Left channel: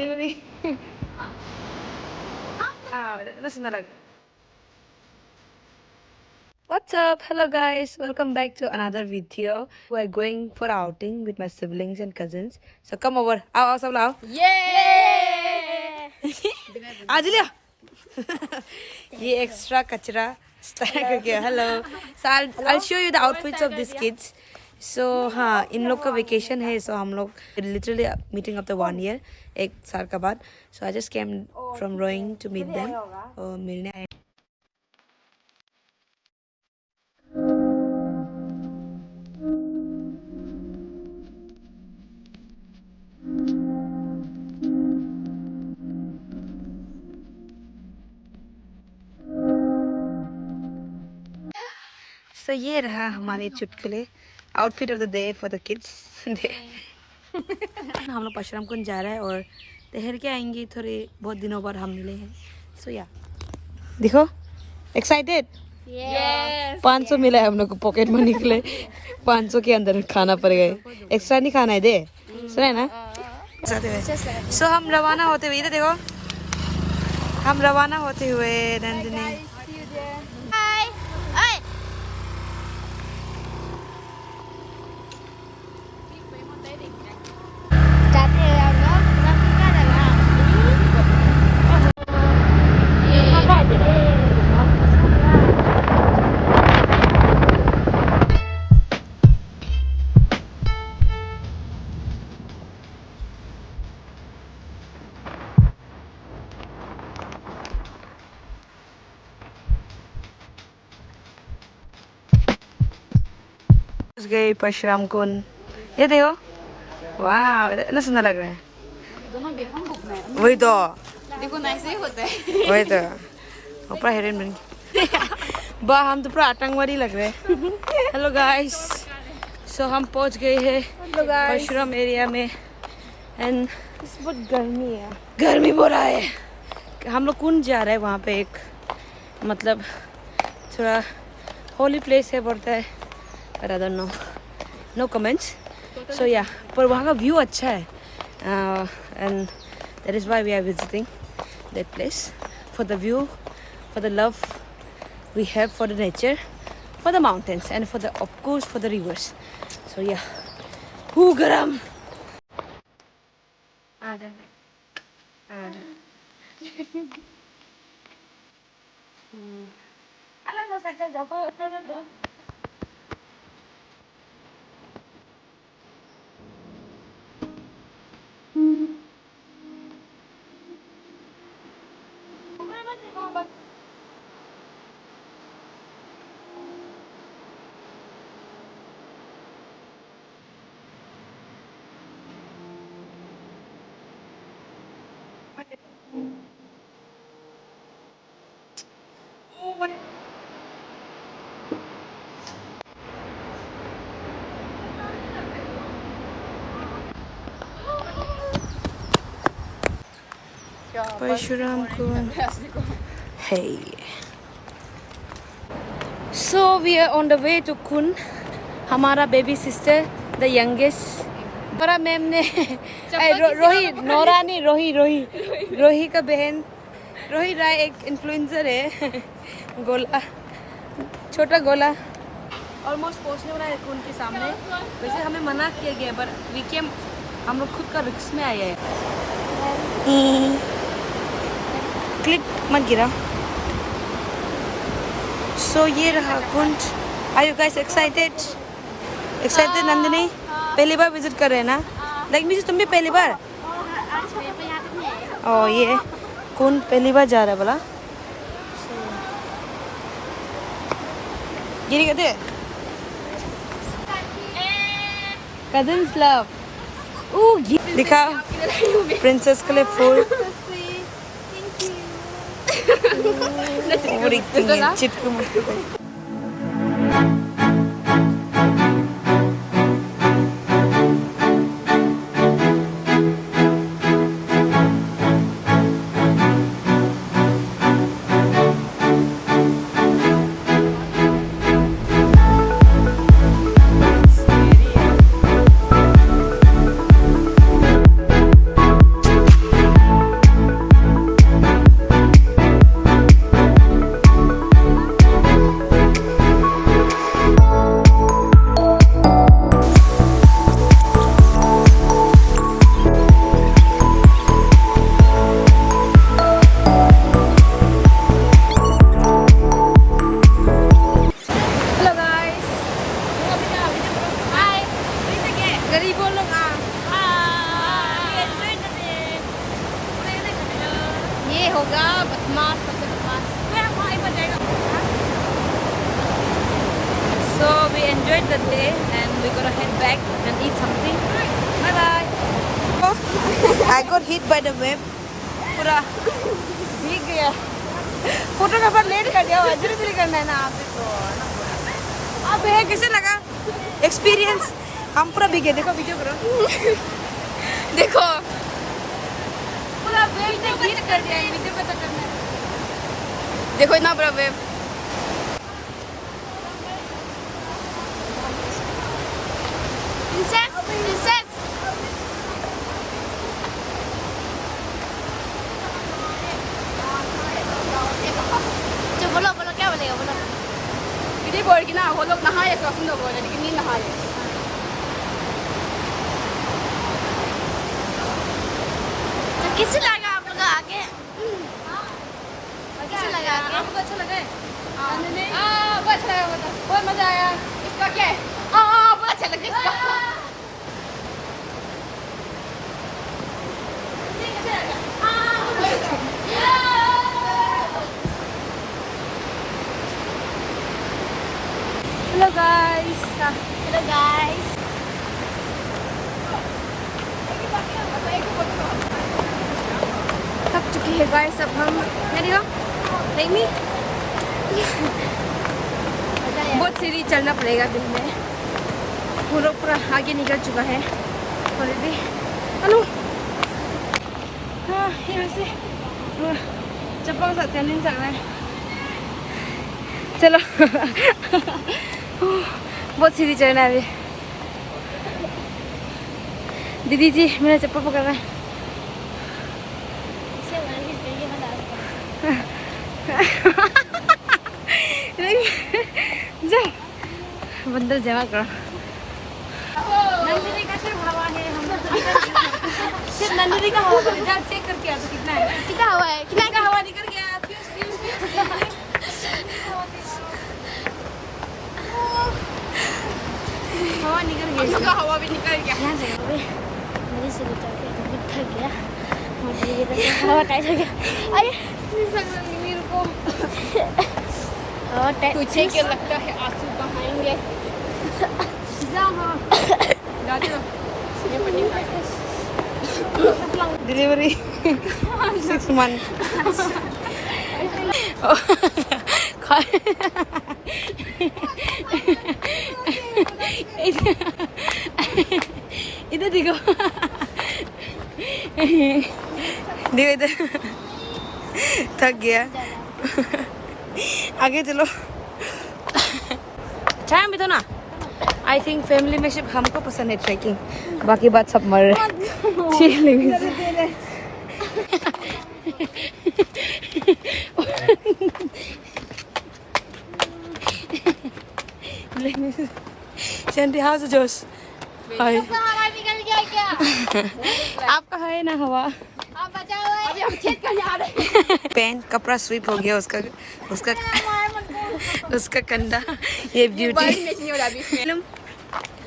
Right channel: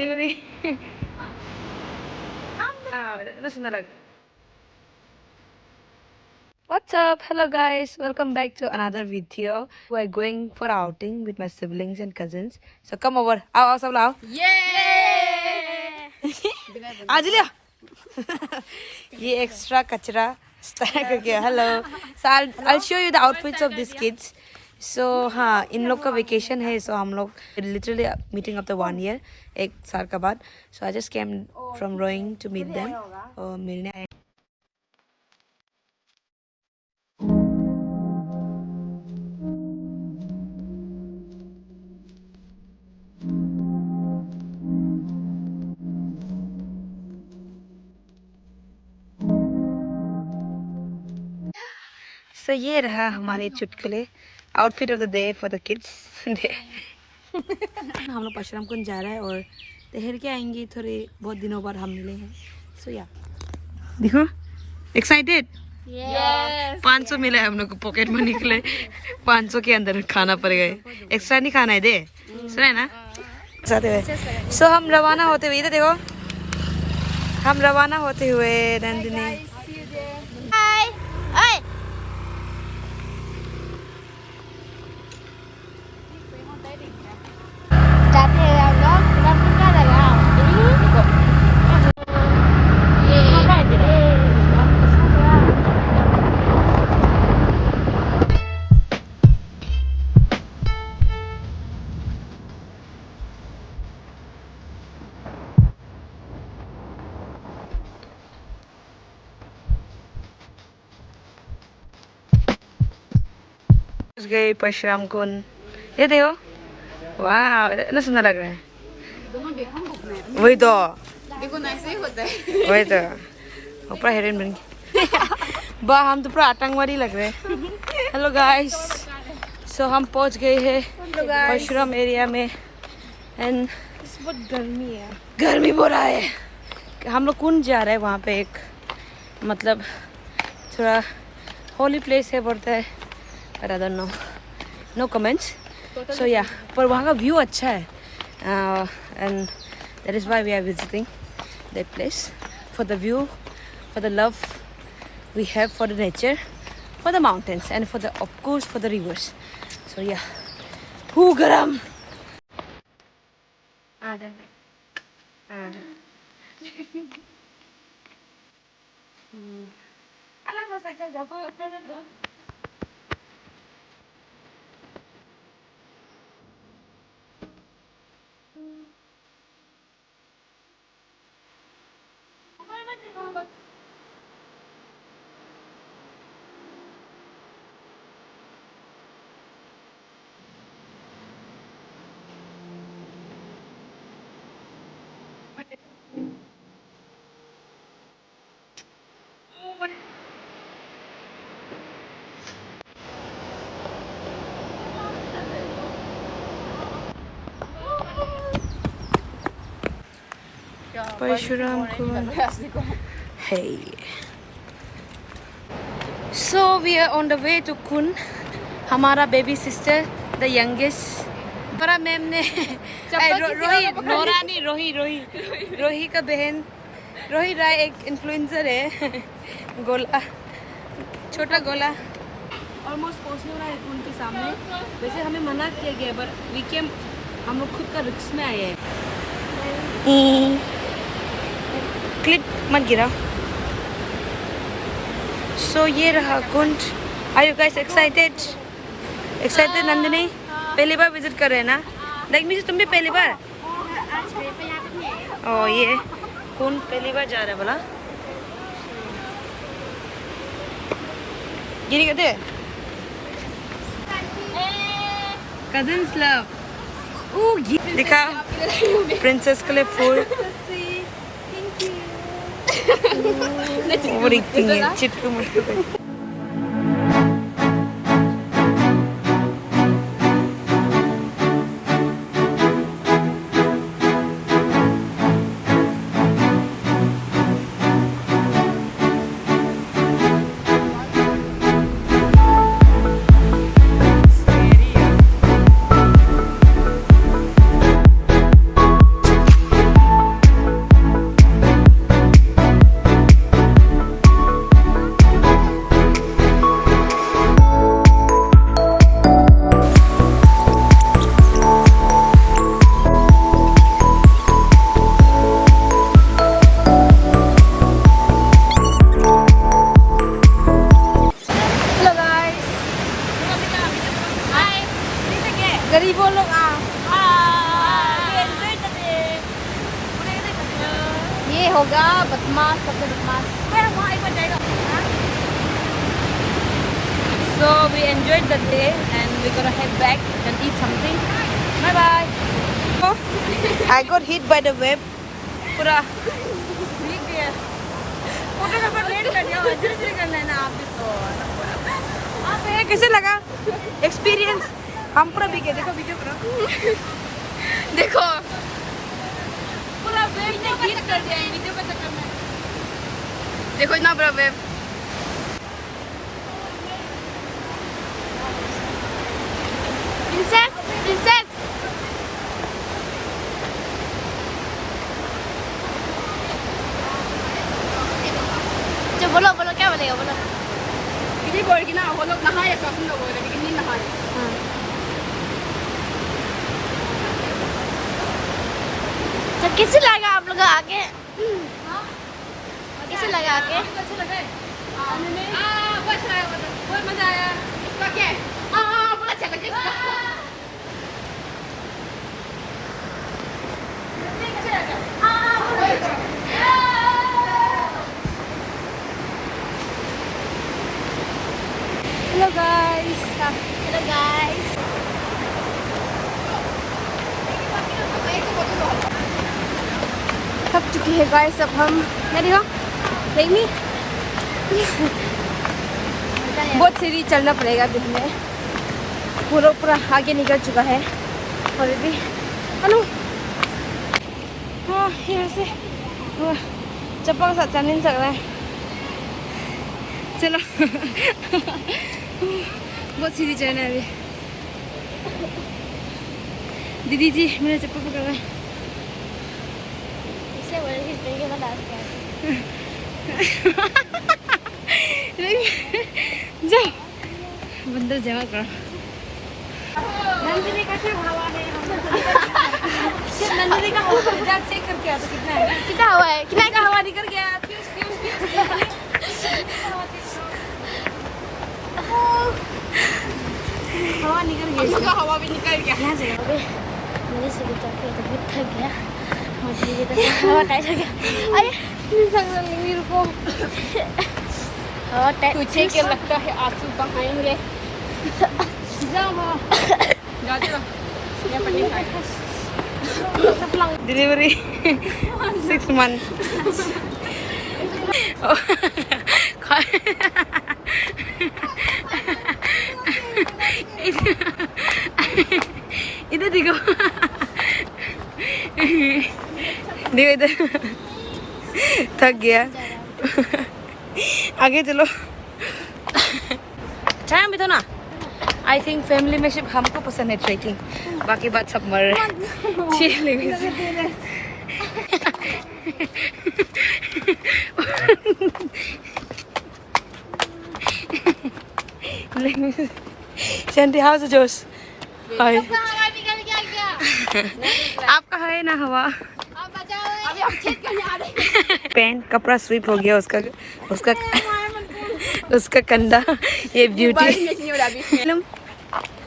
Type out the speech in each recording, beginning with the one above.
Delivery. Listen to that. What's up? Hello guys, welcome back to another video. We're going for outing with my siblings and cousins. So come over. आओ सब लाओ. आज लिया. ये extra कचरा stack करके. Hello. So I'll show you the outfits of these kids. So हाँ इन लोग का vacation है. So हम लोग literally meeting up the 1 year एक साल का बाद. So I just came from Roing to meet them. और मिलने आए. So ये रहा हमारे चुटकुले outfit of the day for the kids. हम लोग परशुराम कुंज जा रहे हैं और ठहर के आएंगे. थोड़े बहुत दिनों बाद हम मिले हैं. सो या देखो एक्साइटेड. 500 मिला है हम लोग को पॉकेट मनी के लिए. 500 के अंदर खाना पड़ेगा. एक्स्ट्रा नहीं खाना है दे. सुना है ना. सो हम रवाना होते हुए इधर देखो. हम रवाना होते हुए नंदिनी. गए परशुराम कुंड. ये देखो. वाह इतना सुंदर लग रहा है. वही तो वही तो ऊपर हेरोइन बन गई. वाह हम तो पूरा आतंकवादी लग रहे हैं. Hello guys. सो हम पहुंच गए हैं परशुराम एरिया में. एंड बहुत गर्मी है. गर्मी हो रहा है. हम लोग कुंड जा रहे हैं. वहाँ पे एक मतलब थोड़ा होली प्लेस है बोलता है. But I don't know. No comments. So yeah, पर वहाँ का व्यू अच्छा है. And that is why we are visiting that place. For the view, for the love we have for the nature, for the mountains, and for the of course for the rivers. So yeah. Who garam? Parshuram Kund. Hey. So we are on the way to Kund. हमारा baby sister the youngest. बड़ा ma'am ने रोही Nora नहीं रोही का बहन. रोही राय एक इन्फ्लुएंसर है. गोला छोटा गोला. ऑलमोस्ट पहुंचने वाला है कुंड के सामने. वैसे हमें मना किया गया पर वी केम. हम लोग खुद का रिस्क में आए हैं. क्लिप मत गिरा. सो ये रहा कुंड. Are you guys excited Nandini? पहली बार विजिट कर रहे हैं ना. लाइक मीन्स तुम भी पहली बार. ओ ये कुंड पहली बार जा रहा है बोला. गिरी कहते कजिन्स लव. दिखा प्रिंसेस के लिए फूल. ओवर एक्टिंग है. चिटकू मुटकू. होगा बदमाश So we enjoyed the day and we're gonna head back and eat something. Bye bye. Oh, I got hit by the wave. पूरा लिख दिया। फोटो का पर नहीं कर दिया, अजून भी करना है ना आप भी तो ना बोला। आप ये कैसे लगा? एक्सपीरियंस? हम पूरा भीगे, देखो वीडियो करो। देखो पूरा वेव ने हिट कर दिया, वीडियो का चक्कर में। देखो इतना बड़ा वेव। प्रिंसेस प्रिंसेस जो बोलो बोलो क्या बोलेगा बोलो इधर बोल के ना वो लोग नहाए सब लोग बोले लेकिन नहीं नहाए। तो कैसे लगा आप लोग आके कैसे लगा आके अच्छा लगा है? बहुत अच्छा लगा बहुत मजा आया। इसका क्या है बहुत अच्छा लगा इसका हेलो गाइस। हेलो गाइस थक चुकी है गाइस अब हम। देखिए बहुत सीढ़ी चढ़ना पड़ेगा अभी हमें। पूरा पूरा आगे निकल चुका है ऑलरेडी। हेलो हाँ यहाँ से चप्पल के साथ चल नहीं सकता है। चलो बहुत सीढ़ी चढ़ना है अभी। दीदी जी मेरा चप्पल पकड़ रहा है। जाओ बंदर जमा करो। नंदिनी का सिर्फ हवा है, सिर्फ नंदिनी का हवा रिजल्ट चेक करके आता कितना है, कितना हुआ है कितना का हवा निकल गया। हवा निकल गया, इसका हवा भी निकल गया। यहाँ से अबे नदी से बचा के तो बहुत थक गया और धीरे धीरे हवा टाइट हो गया। अरे नहीं सकता मेरे को हवा टाइट तुझे क्या लगता है आंसू बहाएंगे? Delivery 6 month। इधर देखो देखो इधर थक गया। आगे चलो। अच्छा भी तो ना। आई थिंक फैमिली में सिर्फ हमको पसंद है ट्रैकिंग, बाकी बात सब मर शांति हाउ जोश हाय। हवा निकल गया क्या आपका है ना हवा। आप बचाओ हम चेक करने आ रहे हैं पेन कपड़ा स्वीप हो गया उसका उसका उसका कंधा। ये ब्यूटी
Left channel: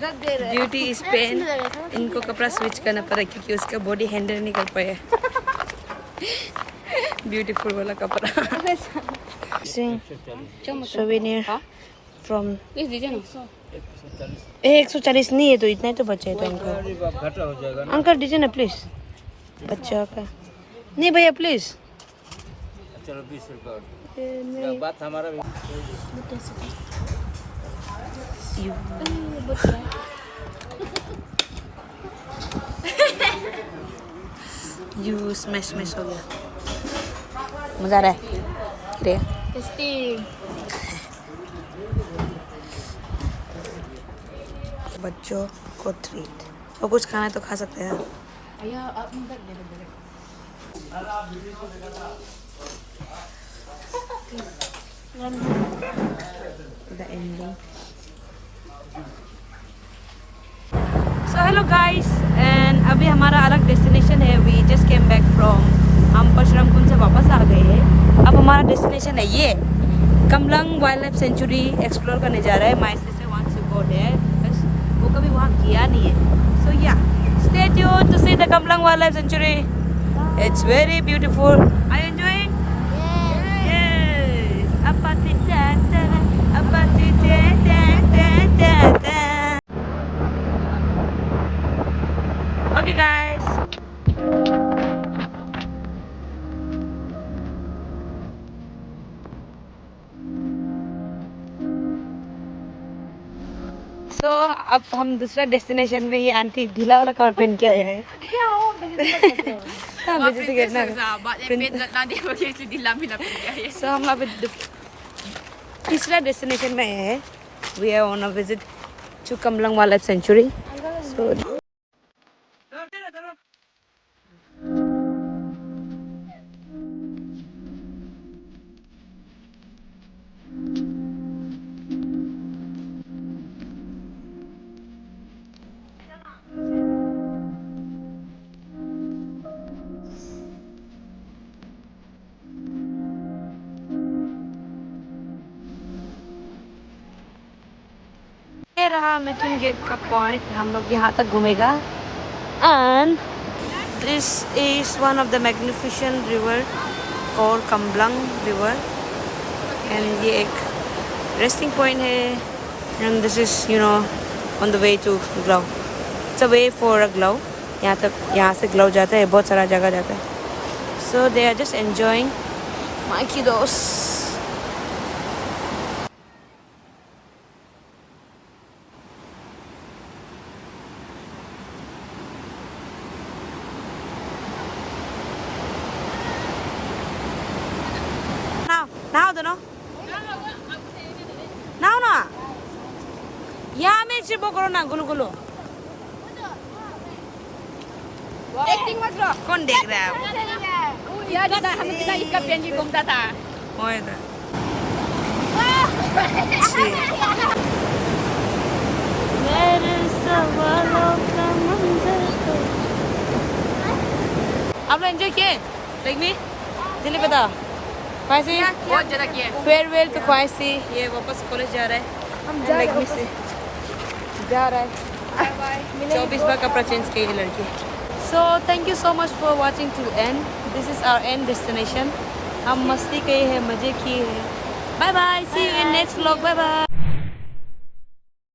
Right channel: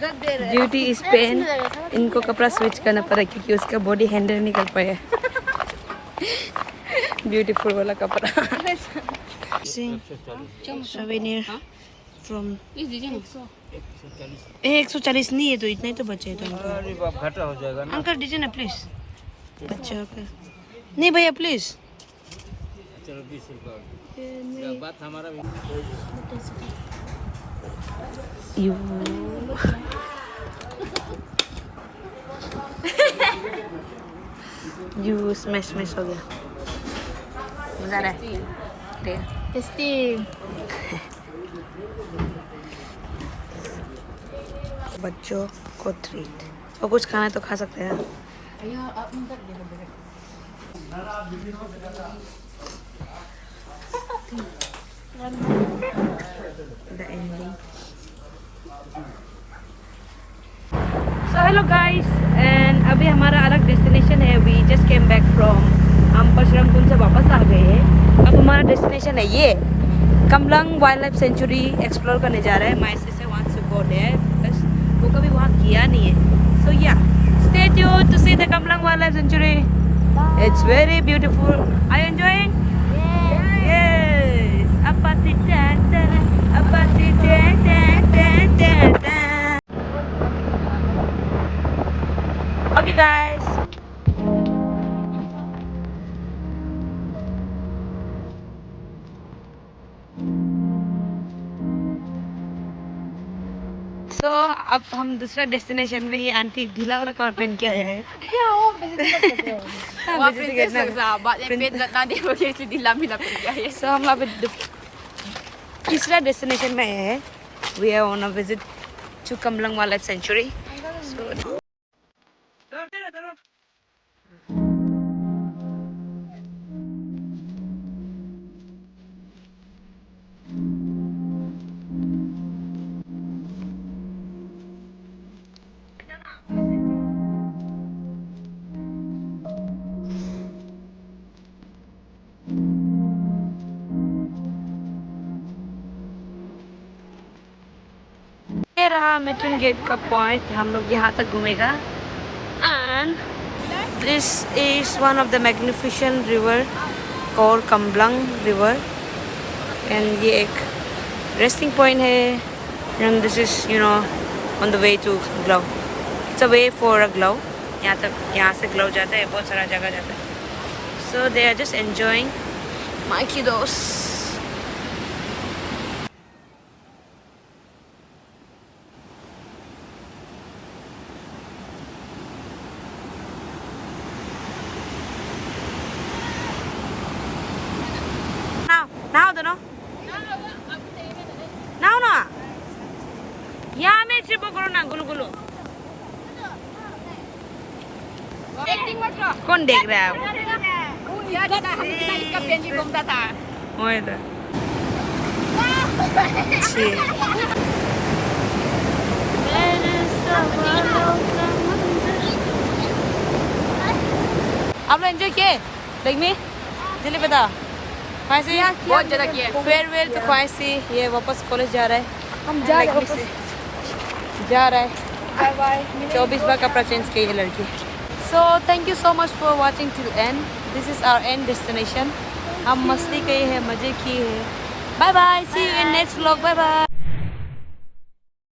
ब्यूटी इस पेन। इनको कपड़ा स्विच करना पड़ा क्योंकि उसका बॉडी हैंडल नहीं कर पाया। ब्यूटीफुल वाला कपड़ा। सोवेनियर फ्रॉम 140 नहीं है तो इतना ही तो बचा है तो अंकल। अंकल दीजिए ना प्लीज बच्चा का। नहीं भैया प्लीज। चलो 20 रुपये बात हमारा यू स्मैश हो गया। मजा आ रहा है। टेस्टी बच्चों को ट्रीट और कुछ खाना है तो खा सकते हैं। The ending. So hello guys and अभी हमारा अलग डेस्टिनेशन है। अभी जस्ट केम बैक फ्रॉम हम परशुराम कुंड से वापस आ गए हैं। अब हमारा डेस्टिनेशन है ये Kamlang wildlife sanctuary explore करने जा रहा है। My sister wants to go there, वो कभी वहाँ किया नहीं है। So yeah stay tuned to see the Kamlang wildlife sanctuary. It's very beautiful. Are you enjoying? Yes. Apati tan tan, apati tan tan tan tan tan. Okay, guys. So अब हम दूसरा destination में ये आंटी ढीला वाला cover पहन के आया है. Wah, princess sahabat yang pet tadi pakai sedih lambi nak pergi. So हम अभी तीसरा डेस्टिनेशन में आए हैं. We are on a visit to Kamlang Wildlife Sanctuary. So ये रहा मेटन गेट का पॉइंट. हम लोग यहाँ तक घूमेगा. And this is one of the magnificent river called Kamlang River. And ये एक resting point है. And this is, you know, on the way to Glau. It's a way for a Glau. यहाँ से Glau जाता है. बहुत सारा जगह जाता है. So they are just enjoying my kiddos. Now doon, no? Now na. यहाँ में चिपो करो ना गुलगुलो. कौन देख रहा है? वो इधर. आप लोग एंजॉय किए? Like me? जल्दी बता. ख्वाहिशी बहुत ज़्यादा किया. फेयरवेल तो ख्वाहिशी ये वापस कॉलेज जा रहा है. हम जा रहा है. Bye bye. 24 बार कपड़ा चेंज की है लड़की. So thank you so much for watching till end. This is our end destination. हम मस्ती किए हैं, मजे किए हैं. Bye bye. See you in next vlog. Bye bye.